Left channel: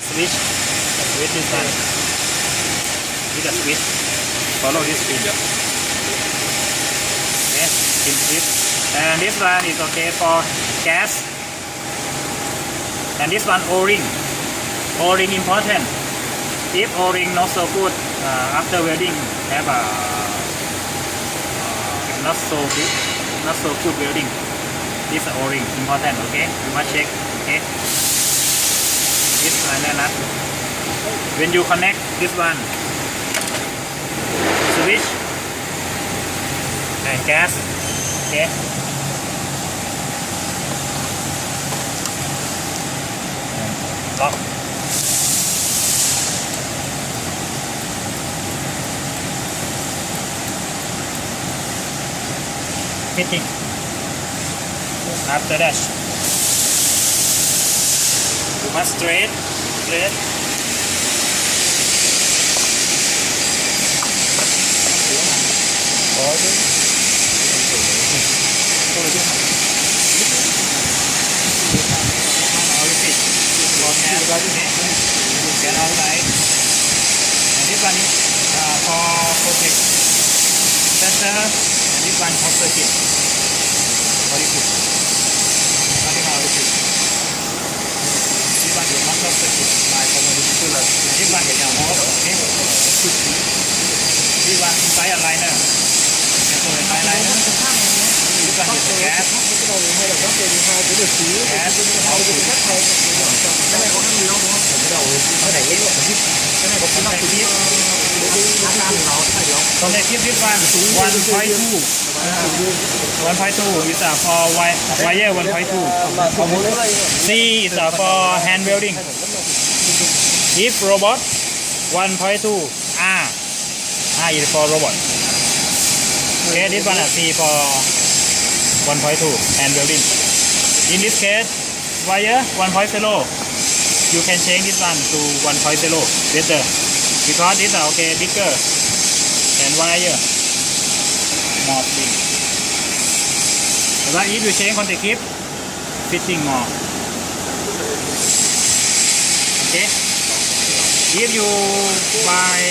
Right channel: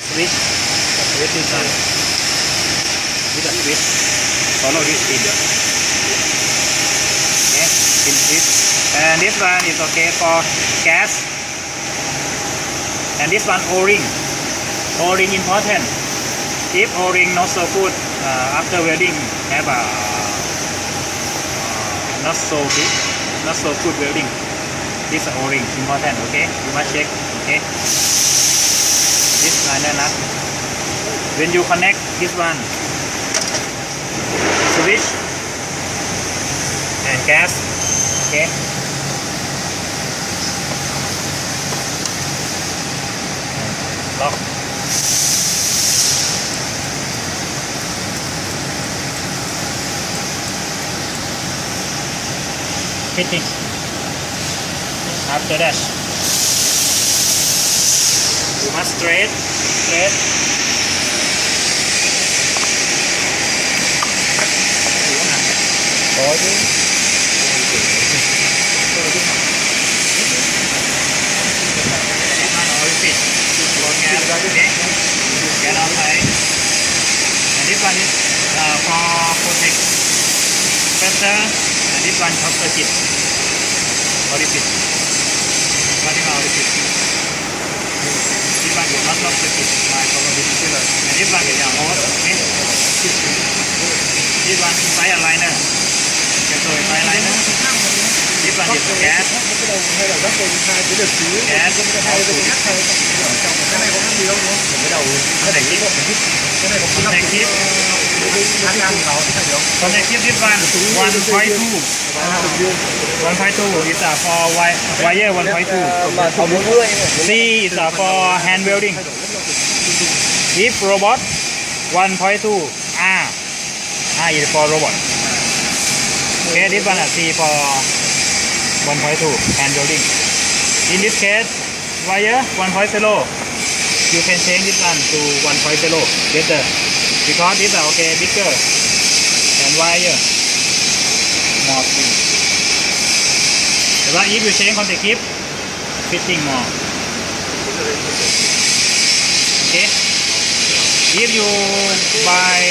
Switch. Switch this one. With the switch. Follow this pin. Okay, pin switch. And this one is okay for gas. And this one O-ring. O-ring important. If O-ring not so good, after welding have a not so good welding. This O-ring important. Okay, you must check. Okay. This liner nut. When you connect this one, switch and gas. Okay. Lock. Fitting. After that, you must straight. Get outside. And this one is for protect better, and this one short circuit. Body fit. Cutting out the fit. This one is not short circuit. My probability low. And this one is your hose. Okay. This one is fire liner. Cathode fire liner. This one is gas. Gas output. Connective this one 1.2 is for wire 1.2. C is for hand welding. If robot 1.2 R is for robot. Okay, this one is C for 1.2 hand welding. In this case, wire 1.0. You can change this one to 1.0 better because this is okay bigger and wire more thin. But if you change contact clip, fitting more. Okay. If you buy